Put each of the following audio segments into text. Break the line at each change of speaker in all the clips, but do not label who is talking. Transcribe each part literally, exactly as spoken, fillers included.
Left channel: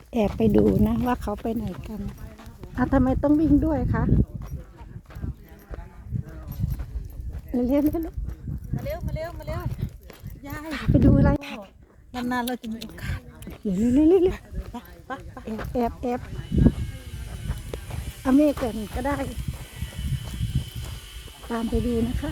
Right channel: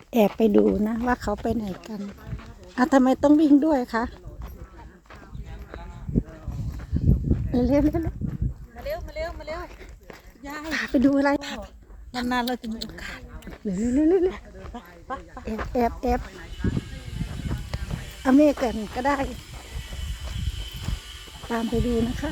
แอบไปดูนะว่าเขาไปไหนกันอ่ะทำไมต้องวิ่งด้วยคะเร็วๆเร็ว
มาเร็วมาเร็วมาเร็ว
ๆยายพาไปดูอะไรพาน
านๆเราจะมีโอกาส
เร็วๆเร็วๆเร็วๆแอบแอบแอบเอาเมฆกันก็ได้ ตามไปดูนะคะ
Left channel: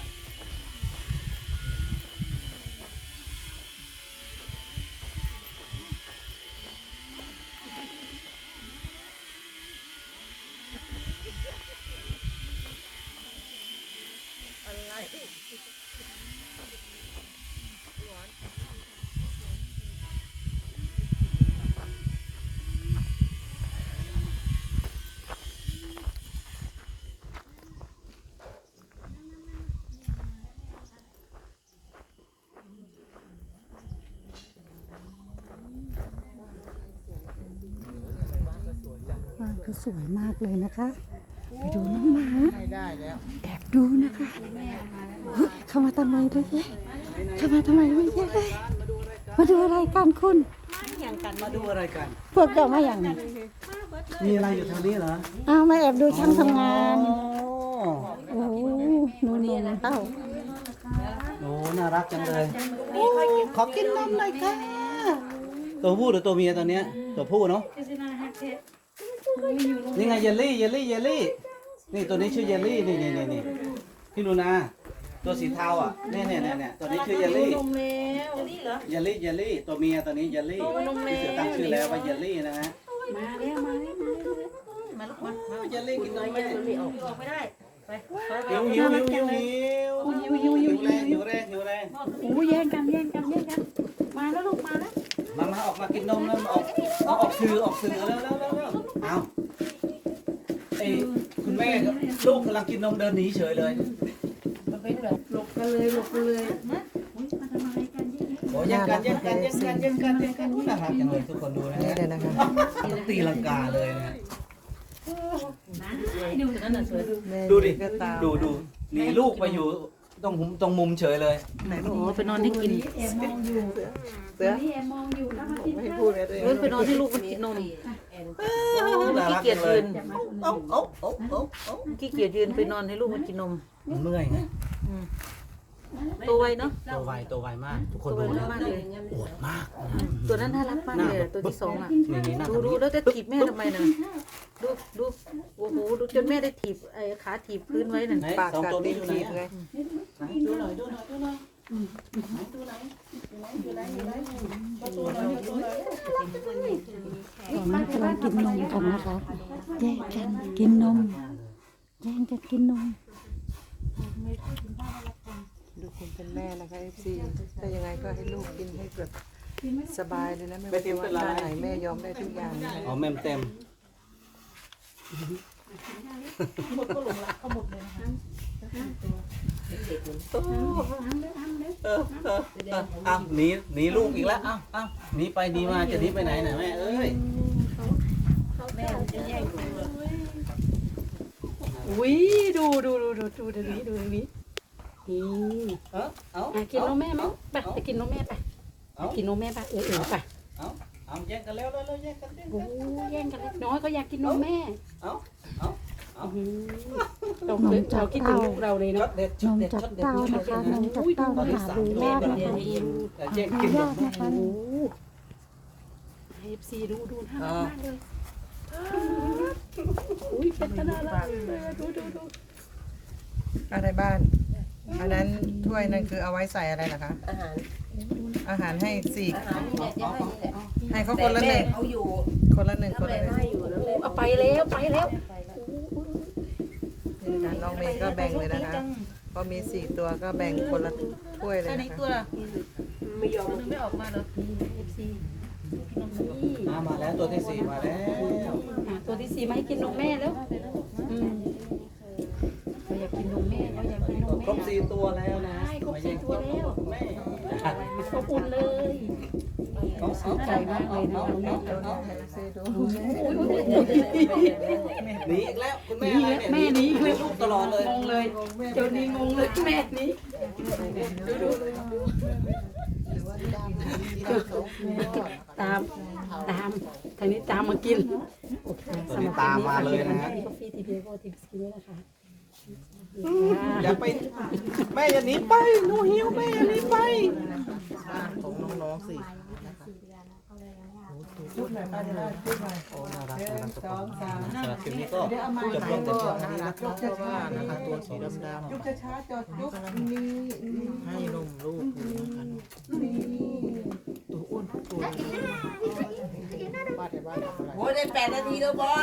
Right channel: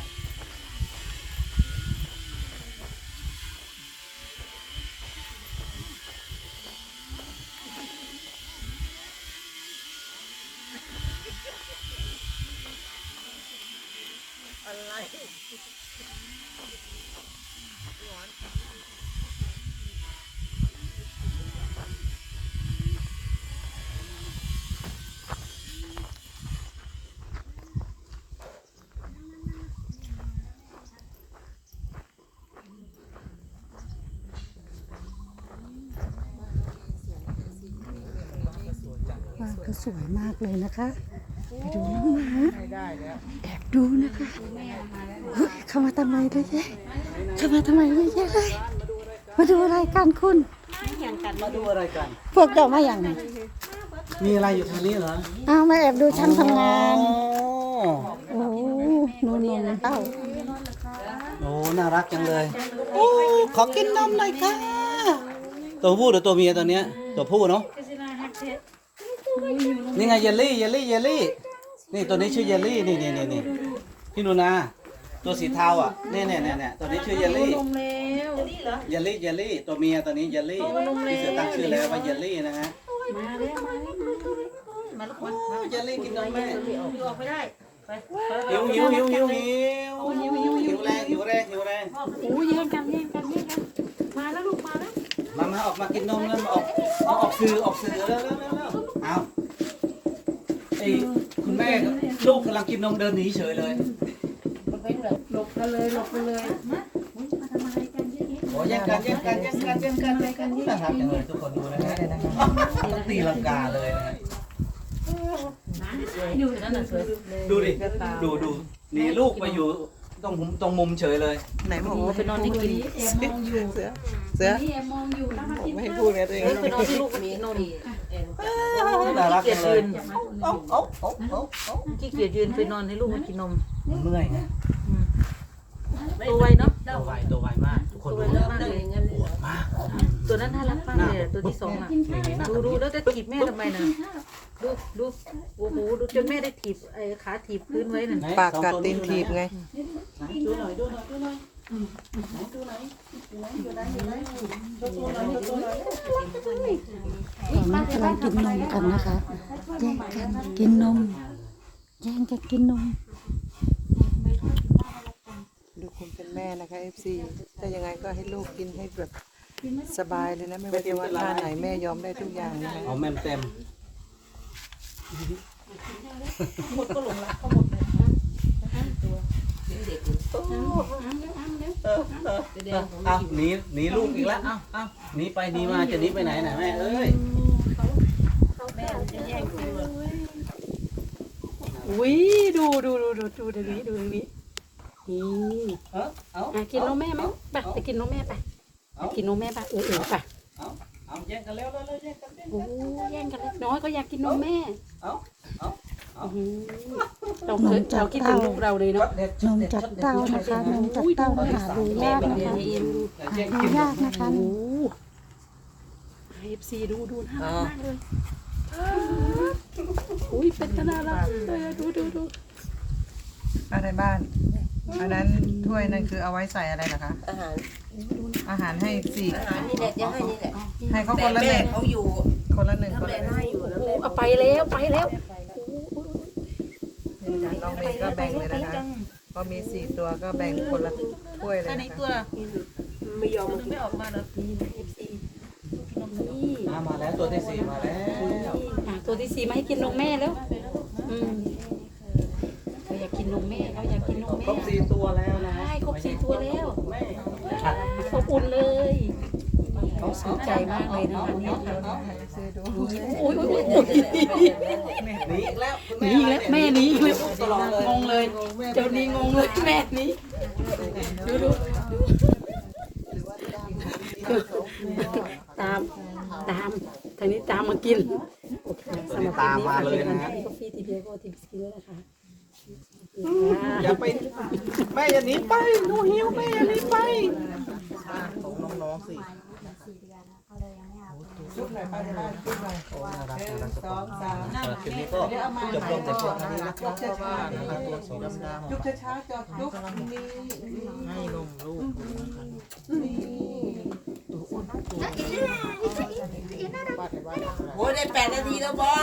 บ้านก็สวยมากเลยนะคะ ไปดูน้องหมาแอบดูนะคะเฮ้ยเข้ามาทำไมเลยแย่เข้ามาทำไมเลยแย่เลย มาดูอะไรกันคุณ
มาดูอะไรกัน
พวกเจ้ามาอย่างนี้
มีอะไรอยู่ทางนี้เหรอ
อ้าวมาแอบดูช่างทำงาน
โอ้
โอ้หนูนมเต้า
โหน่ารักจังเลยโอ้ขอกินนมหน่อยค่ะตัวผู้หรือตัวเมียตัวเนี้ย ตัวผู้เนาะนี่ไงเยลลี่เยลลี่เยลลี่นี่ตัวนี้ชื่อเยลลี่นี่นี่นี่นี่พี่นูนาตัวสีเทาอ่ะเนี่ยเนี่ยเนี่ยเนี่ยตัวนี้ชื่อเยลลี่
นมแมวนี่เหรอ
เยลลี่เยลลี่ตัวเมียตัวนี้เยลลี่ที่เสือตั้งชื่อแล้วว่าเยลลี่นะฮะ
มาเร็วมาเร็วมาลูกมา
โอ้เยลลี่กินนมแม่
ออกไม่ได้ไปไป
หิวหิวหิวหิวหิวหิวหิวแรงหิวแรงหิวแรง
โอ้แย่งกันแย่งกันแย่งกันมาแล้วลูกมาแล้ว
มามาออกมากินนมแล้วมาออกเอาออกสื่อออกสื่อแล้วแล้วแล้วแล้วเอาไอ้คุณแม่กับลูกกำลังกินนมเดินหนีเฉยเลย
หลบกันเลยหลบกันเลยนะมาทำอะไรกันเยอะแยะ
โอ้แย่งกันแย่งกันแย่งกันแย่งกันแย่งกันน่ารักจังเลยทุกคนดูนะฮะต้องตีลังกาเลยนะฮะ
ดูนั่นน่ะสวย
ดูดิดูดูหนีลูกไปอยู่ตรงมุมตรงมุมเฉยเลย
ไหนบอก
โอ้ไปนอนที่กิน
เสือเสือ
นี่แอบมองอยู่นะมากิน
ไม่ให้พูดไงตัวเอง
เฮ้ยไปนอนที่ลูกมีนม
น่ารัก
ขี้เกี
จั
ยจ
งเล
ยื
ย
น
โอ้โอ้โอ้โอ้โอ้
ขี้เกียจยืนไปนอนให้ลูกมันกินนม
เมื่อยไง
ตัวไวเนาะ
ตัวไวตัวไวมากทุกคน
ตัวไว
ดูนะ
มากเลย
ปวดมาก
ตัวนั้นน่ารักมากเลยอะตัวที่สองอ่ะ
นี่นี่น่า
ดู
ทำ
ดู
นี่
แล้วจะถีบแม่ทำไมนะดูดูโอ้โหดูจนแม่ได้ถีบไอ้ขาถีบพื้นไว้น่ะ
ไหน
ปาก
สอง
กัด
ตัว
ตี
นี้
น
อยู่
ถีบ
ไหน
ไง
ดูหน่อยดูหน่อยดูหน่อยดูหน่อยดูหน่อยดูหน่อยดูหน่อยดูหน่อยดูหน่อย
ตอนนี้กำลังกินนมกันนะคะ แย่งกันกินนม แย่งกันกินนม
ดูคุณเป็นแม่นะคะเอฟซีถ้ายังไงก็ให้ลูกกินให้แบบสบายเลยนะไม่ว่าจะว่าหน้าไหนแม่ยอมได้ทุกอย่างนะคะ
เอาแม่มเต็มเอาหนีหนีลูกอีกแล้วเอาเอาหนีไปหนีมาจะหนีไปไหนน่ะแม่เอ้ย
อุ้ยดูดูดูดูดูดูนี้ดูนี้นี่
เออเอา
อ่ะกินนมแม่มั้งไปไปกินนมแม่ไป
เอา
กินนมแม่ไปเออเออไป
เอาเอาแย่งกันแล้วแล้วแย่งกันแย่ง
โอ้
กัน
แย่งกันเล็กน้อยก็อยากกินนมแม่
เอาเอาเอา
อื้อหือเราเคยเราคิดถึงลูกเราเลยเนาะ
เด็ด
นมจากเต้านะคะ นมจากเต้าหาดูยากนะคะ หา
แย่ง
ดู
กิน
ยากนะคะ
โอ้เอฟซีดูดูน่ารักมากเลยอุ้ยเป็นขนาดนั้นดูดูดู
อะไรบ้านอันนั้นถ้วยนั่นคือเอาไว้ใส่อะไรนะคะ
อาหาร
อาหารให้สี่
อาหารนี่แหละจะให้นี่แหละ
ให้เขาค
แต่
นละ
แม่
หนึ่ง
เขาอยู่
คนละหนึ่งคน
แม่
ละหนึ่ง
ให้อยู่แล้วแม่
เอาไปแล้วไปแล้ว
นี่นะคะน้องเมย์ก็แบ่งเลยนะคะก็มีสี่ตัวก็แบ่งคนละถ้วยเลย
อัน
นะ
นี้
คะ
ตัวละไม่ยอมไม่ออกมาเหรอเอฟซีกินนมนี่
มามาแล้วตัวที่สี่มาแล้ว
ตัวที่สี่มาให้กินนมแม่แล้วอืมอยากกินนมแม่แล้วอยากกินนม
ครบ
แม่
สี่ตัวแล้วนะ
ใช่ครบสี่ตัวแล้ว
ไม่
อบอุ่นเลย
เอา
สนใจมากเลยนะวันนี้
ให้เอฟซีดู
อุ้ย
หนีอีกแล้วคุณ
หนี
แม่
แล้วแม่หนีเลย
ตลอดเลย
งงเลยเจ้านี้งงเลยแม่หนีดูดูตามตามทางนี้ตามมากินโอเคสำหรับ
ตามมาเลยนะฮะ
กาแฟทีพีโก้ทีพีด้วยนะคะ
อย่าไปแม่อย่าหนีไปหนูหิวแม่อย่าหนีไป
ของน้องๆสิชุดหน่อยไปเลยชุดหน่อย
โอ้น่ารัก
ห
น่ารั
นึ่
ก
ง
ทุก
ส
ค
อง
น
สาม
สำหรับคลิปนี้ก็จบลงแต่เพียงเท่านี้นะครับ
จุ๊บช้าๆ
นะครับเรื่องสองดำดำ
จุ๊บช้าๆจบจุ๊บนี่ให้นมลูกนี่
โอ้ยได้แปดนาทีแล้วบอ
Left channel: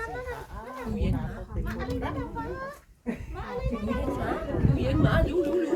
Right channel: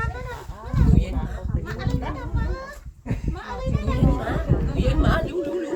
ตู้เย็นมาตู้เย็นมาดูดูดู